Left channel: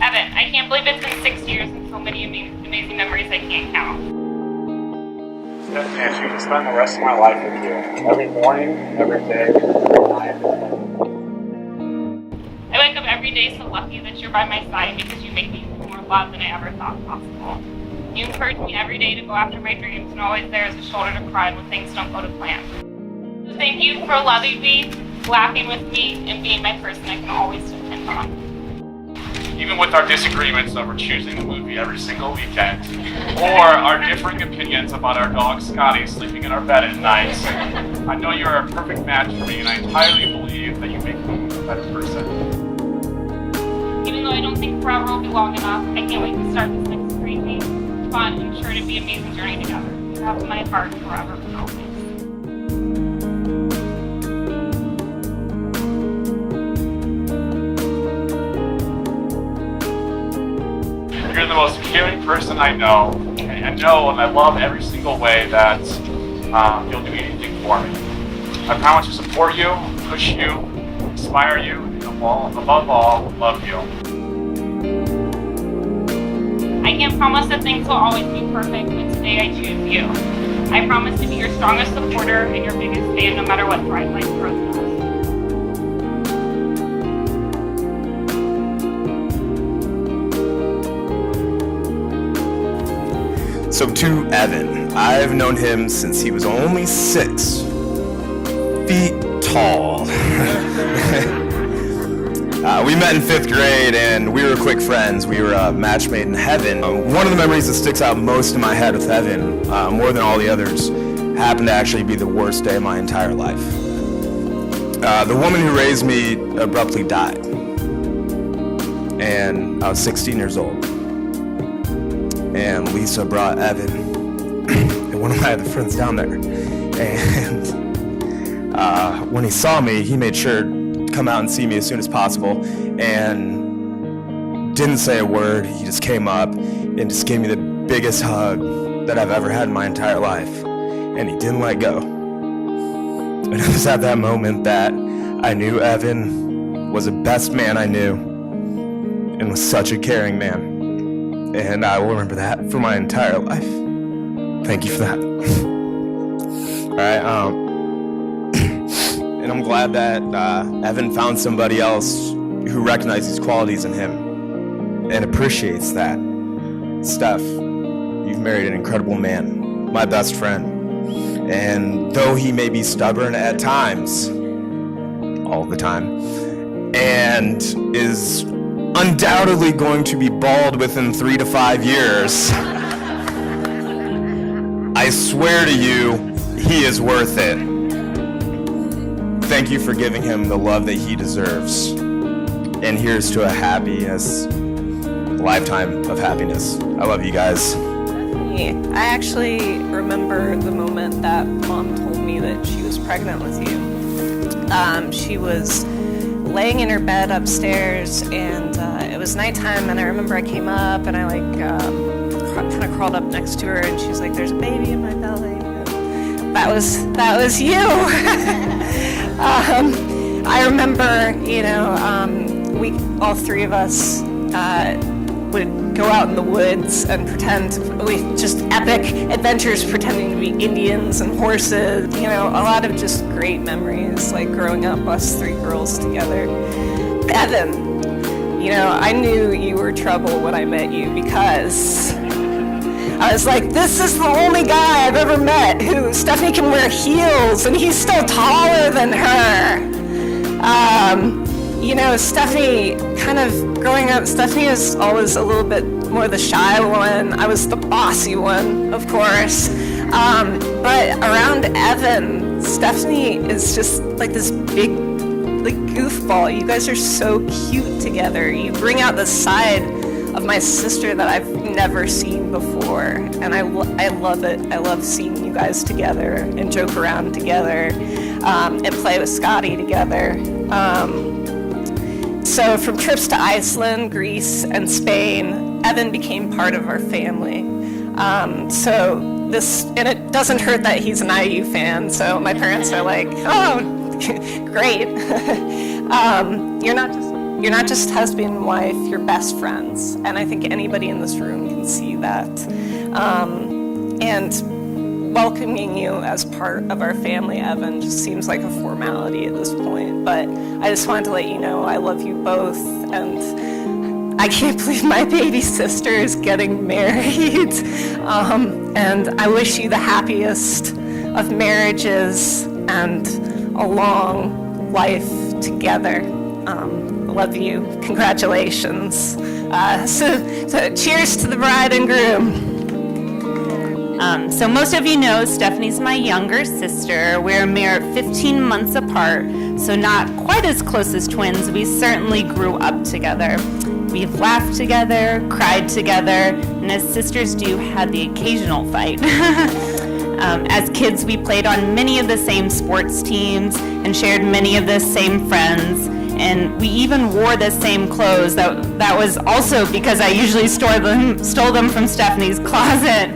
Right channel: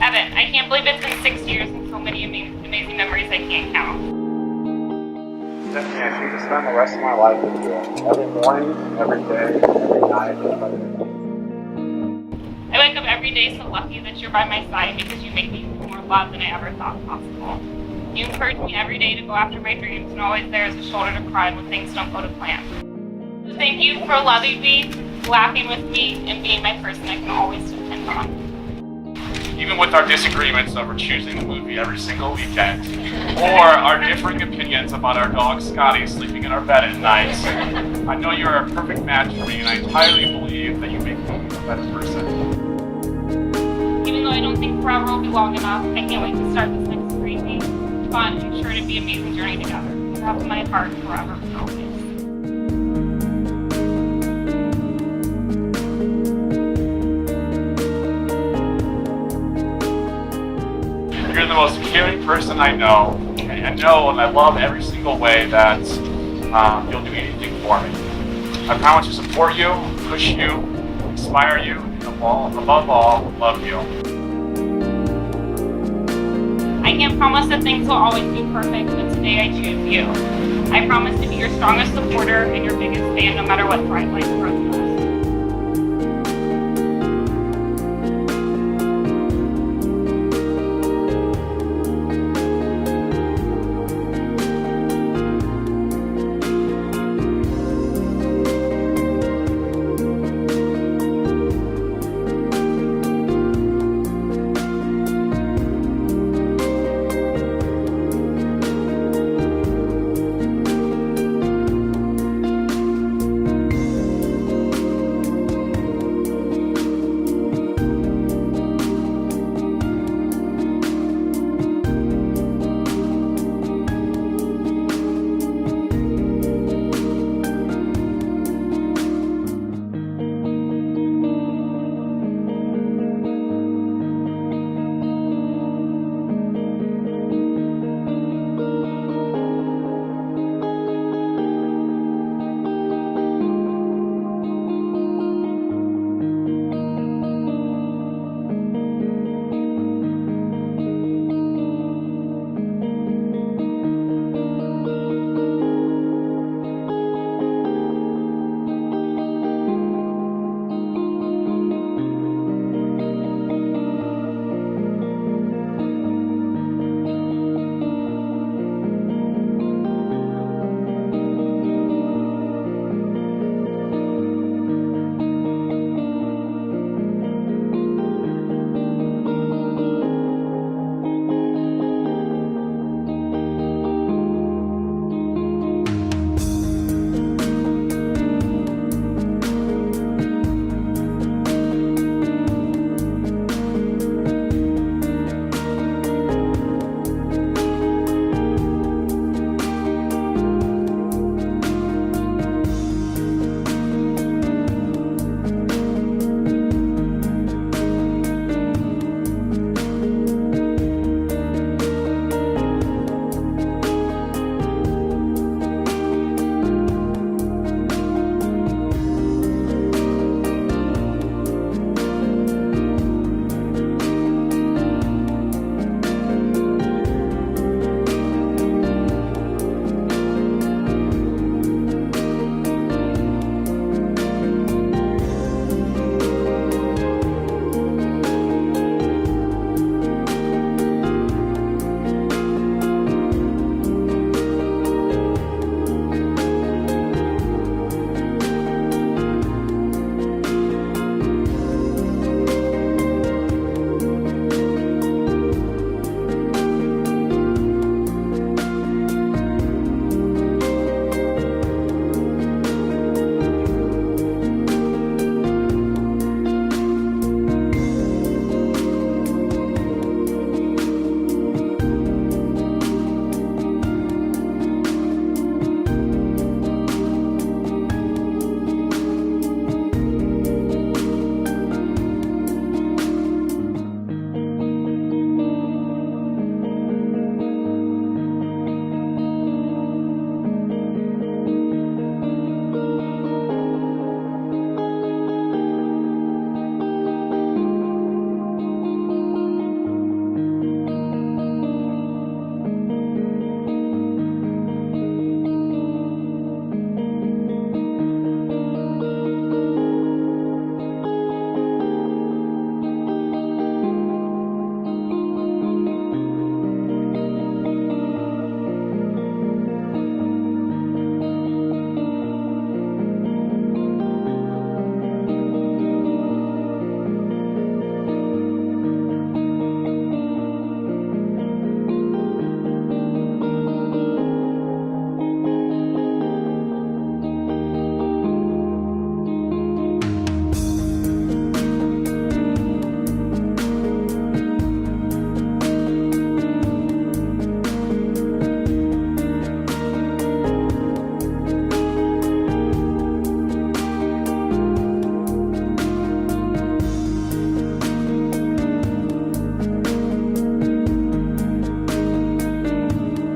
Evan, I can't believe it's been 6 years and so many amazing memories I can't count. Stephanie, I choose to spend the rest of my life with you. Every morning, every day, every night. I wake up every day so lucky that you're by my side because you make me feel more loved than I ever thought possible. You encourage me every day to go after my dreams and always there as a shoulder to cry on when things don't go to plan. So thank you for loving me, laughing with me, and being my person I can always depend on. Even with our disagreements over choosing the movie every single weekend, or our differing opinions about our dog Scotty sleeping in our bed at night, I know you're a perfect match for me, and I entirely believe that you make me a better person. Even though I don't think forever will be long enough, I can't wait to start this next crazy, fun, and sure to be amazing journey together. You have in my heart forever and always. You're the most caring person I know, and I know and I love every single way that you'll do anything for me. I promise to support you, push you, inspire you, and above all, love you. I can't promise that things will always be perfect, but today I choose you. I promise to be your strongest supporter and your biggest fan no matter what life throws at us. So to Evan, I've known him since he was only 6 feet tall. We met in 5th grade and we were quick friends. We were a match made in heaven. One of the memories that sticks out most in my head with Evan, more than all the others, happened to actually be the worst day of my entire life. The woman who raised me abruptly died, and I was 16 years old. And Lisa brought Evan and one of my other friends down there. And when he saw me, he made sure to come out and see me as soon as possible and didn't say a word. He just came up and just gave me the biggest hug that I've ever had in my entire life. And he didn't let go. And it was at that moment that I knew Evan was the best man I knew and was such a caring man. And I will remember that for my entire life. Thank you for that. All right, and I'm glad that Evan found somebody else who recognizes these qualities in him and appreciates that. Steph, you've married an incredible man, my best friend. And though he may be stubborn at times, all the time, and is undoubtedly going to be bald within 3 to 5 years, I swear to you, he is worth it. Thank you for giving him the love that he deserves. And here's to a lifetime of happiness. I love you guys. I actually remember the moment that Mom told me that she was pregnant with you. She was laying in her bed upstairs, and it was nighttime, and I remember I came up and I kind of crawled up next to her, and she's like, "There's a baby in my belly." That was you. I remember, we all 3 of us would go out in the woods and just epic adventures pretending to be Indians and horses, a lot of just great memories, like growing up, us 3 girls together. Evan, I knew you were trouble when I met you because I was like, this is the only guy I've ever met who Stephanie can wear heels and he's still taller than her. Stephanie, kind of growing up, Stephanie was always a little bit more the shy one. I was the bossy one, of course. But around Evan, Stephanie is just like this big, goofball. You guys are so cute together. You bring out the side of my sister that I've never seen before, and and I love it. I love seeing you guys together and joke around together and play with Scotty together. So from trips to Iceland, Greece, and Spain, Evan became part of our family. And it doesn't hurt that he's an IU fan, so my parents are like, oh, great. You're not just husband and wife, you're best friends. And I think anybody in this room can see that. And welcoming you as part of our family, Evan, just seems like a formality at this point. But I just wanted to let you know I love you both, and I can't believe my baby sister is getting married. And I wish you the happiest of marriages and a long life together. Love you. Congratulations. So cheers to the bride and groom. So most of you know Stephanie's my younger sister. We're a mere 15 months apart, so not quite as close as twins. We certainly grew up together. We've laughed together, cried together, and as sisters do, had the occasional fight. As kids, we played on many of the same sports teams and shared many of the same friends. And we even wore the same clothes. That was also because I usually stole them from Stephanie's closet.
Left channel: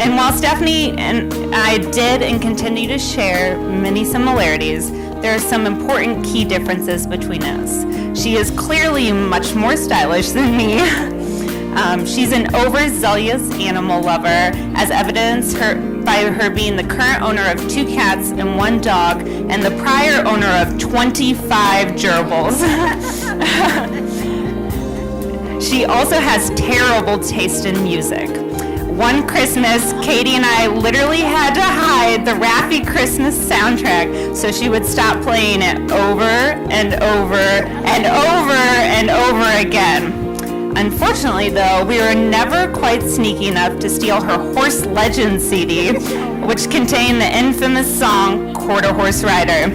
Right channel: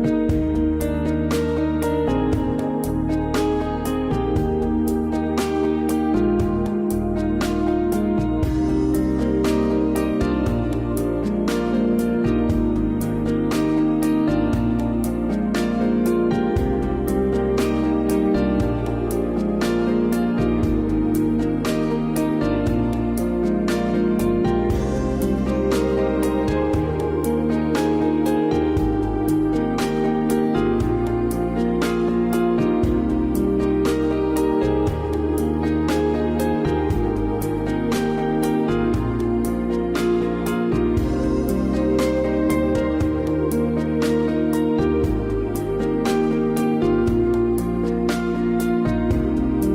And while Stephanie and I did and continue to share many similarities, there are some important key differences between us. She is clearly much more stylish than me. She's an overzealous animal lover, as evidenced by her being the current owner of 2 cats and 1 dog, and the prior owner of 25 gerbils. She also has terrible taste in music. One Christmas, Katie and I literally had to hide the Raffi Christmas soundtrack so she would stop playing it over and over and over and over again. Unfortunately, though, we were never quite sneaky enough to steal her Horse Legends CD, which contained the infamous song Quarter Horse Rider.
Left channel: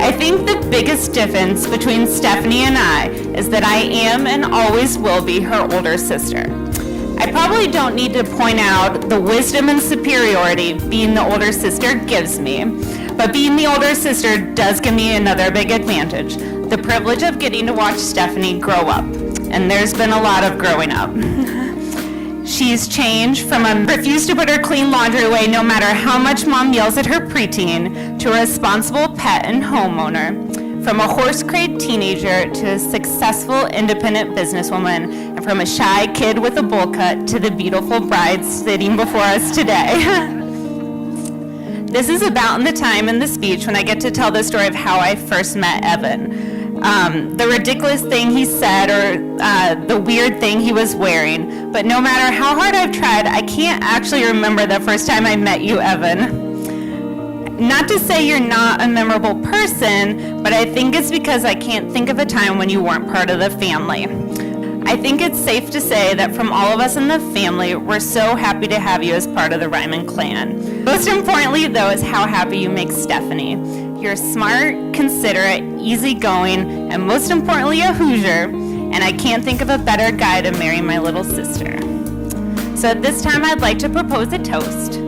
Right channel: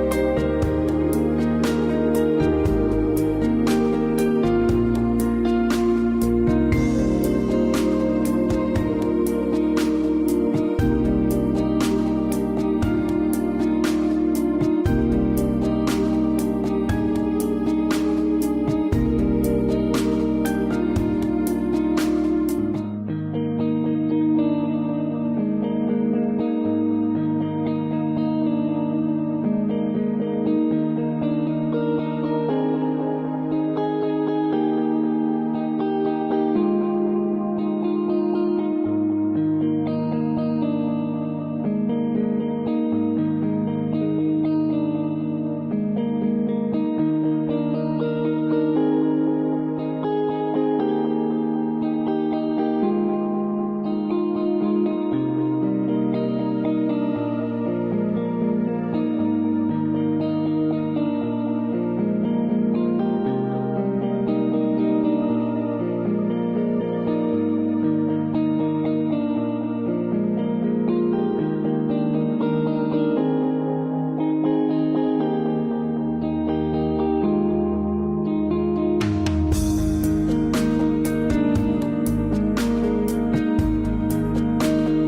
I think the biggest difference between Stephanie and I is that I am and always will be her older sister. I probably don't need to point out the wisdom and superiority being the older sister gives me, but being the older sister does give me another big advantage, the privilege of getting to watch Stephanie grow up. And there's been a lot of growing up. She's changed from a refuse to put her clean laundry away no matter how much mom yells at her preteen, to a responsible pet and homeowner. From a horse-crazed teenager to a successful independent businesswoman, and from a shy kid with a bowl cut to the beautiful bride sitting before us today. This is about the time in the speech when I get to tell the story of how I first met Evan. The ridiculous thing he said or the weird thing he was wearing. But no matter how hard I've tried, I can't actually remember the first time I met you, Evan. Not to say you're not a memorable person, but I think it's because I can't think of a time when you weren't part of the family. I think it's safe to say that from all of us in the family, we're so happy to have you as part of the Ryman clan. Most importantly, though, is how happy you make Stephanie. You're smart, considerate, easygoing, and most importantly, a Hoosier, and I can't think of a better guy to marry my little sister. So at this time, I'd like to propose a toast.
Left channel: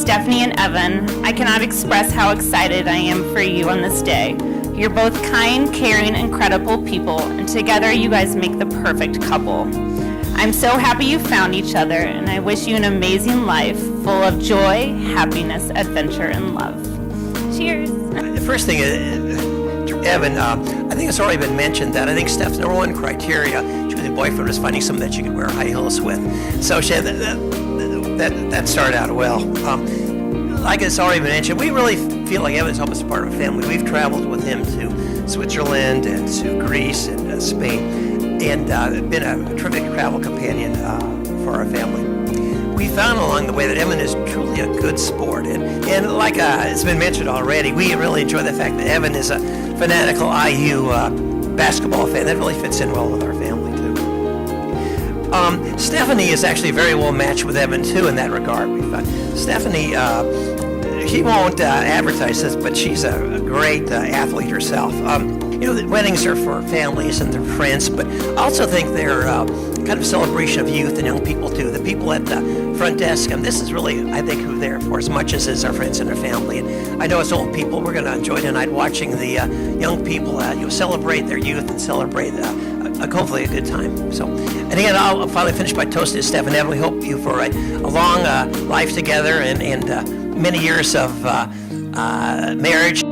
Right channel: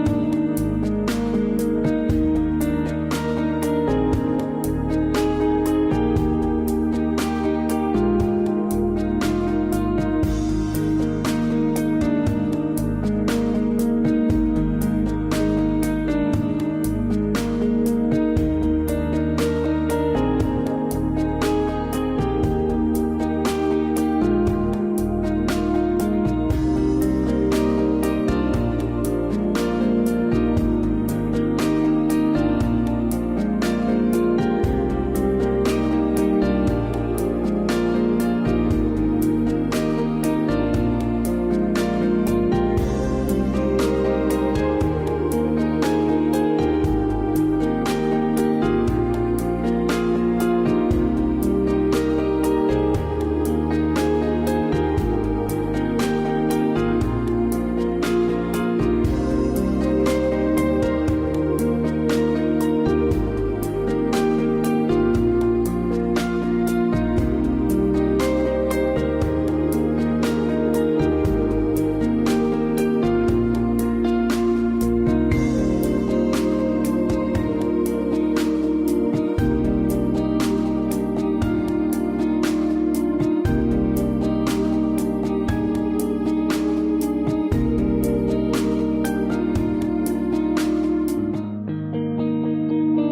Stephanie and Evan, I cannot express how excited I am for you on this day. You're both kind, caring, incredible people, and together you guys make the perfect couple. I'm so happy you found each other, and I wish you an amazing life full of joy, happiness, adventure, and love. Cheers. The first thing is, Evan, I think it's already been mentioned that I think Steph's number one criteria choosing a boyfriend was finding someone that you could wear high heels with. So she had that started out well. Like it's already been mentioned, we really feel like Evan's almost part of a family. We've traveled with him to Switzerland and to Greece and Spain, and been a terrific travel companion for our family. We found along the way that Evan is truly a good sport, and like it's been mentioned already, we really enjoy the fact that Evan is a fanatical IU basketball fan. That really fits in well with our family too. Stephanie is actually very well matched with Evan too in that regard. Stephanie, she won't advertise this, but she's a great athlete herself. The weddings are for families and their friends, but I also think they're kind of celebration of youth and young people too. The people at the front desk. And this is really, I think, who they're for as much as is our friends and our family. And I know as old people, we're going to enjoy tonight watching the young people celebrate their youth and celebrate hopefully a good time. So, and again, I'll finally finish by toasting Steph and Evan. We hope you for a long life together and many years of marriage.